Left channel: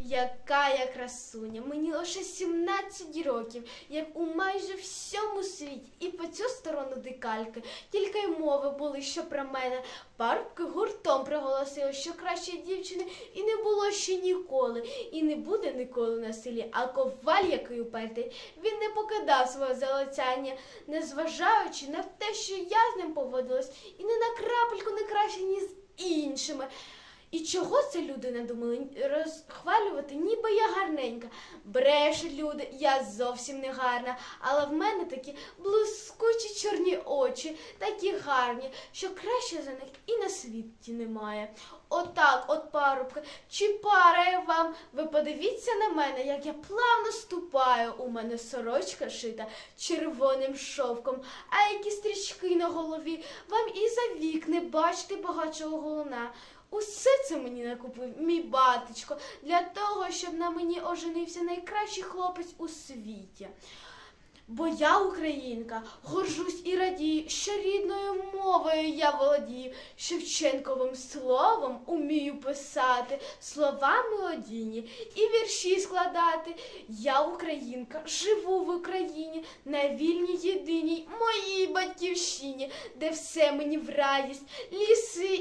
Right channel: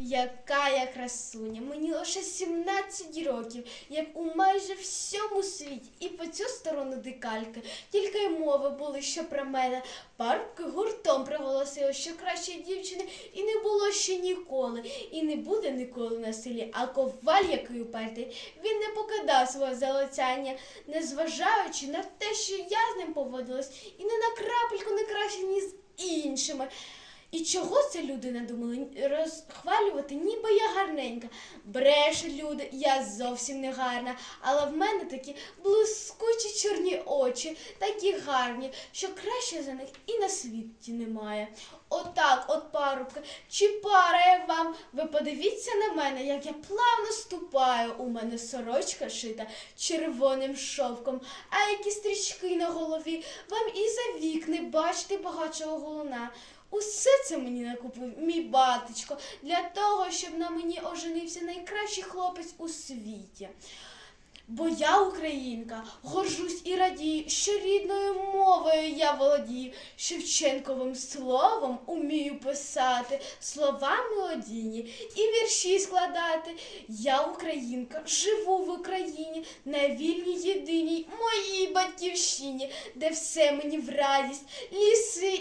Яка я красуня, мені лише 17 років, як у майже всьому світі, і по цю сторону дикальки, тільки й мови були, що про мене. Парубки гуртом приголосили, що кращої дівчини і не було ще ніколи, і не буде ніколи на селі. А коваль, який упертий, він не покидав свого залицяння, незважаючи на те, що я з ним поводилась, і не на крапельку не краще, ніж з іншими. І чого це люди надумали розхвалювати, ніби я гарненька. Бреше люди, я зовсім не гарна, але в мене такі блискучі чорні очі, такі гарні, що краще за них і на світі немає. Отак, от парубки, чи пара я вам? Ви подивіться на мене, як я плавно ступаю. У мене сорочка шита червоним шовком, а які стрічки на голові. Вам і за вік не бачити багатшого голуна. Усе це мені накупив мій батечко для того, щоб на мені оженився найкращий хлопець у світі. Бо я українка, горжусь і радію, що рідною мовою я володію, Шевченковим словом умію писати, слова мелодійні і вірші складати. Я українка, живу в Україні, на вільній єдиній моїй батьківщині, де все мені в радість, ліси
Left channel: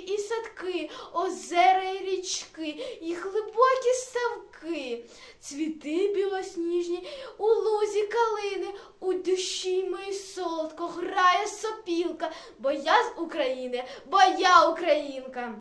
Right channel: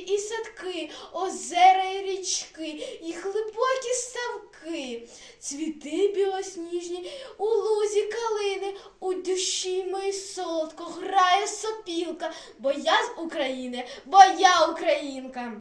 садки, озера і річки, і глибокі ставки, цвіти білосніжні, у лузі калини, у душі моїй солодко грає сопілка, бо я з України, бо я українка.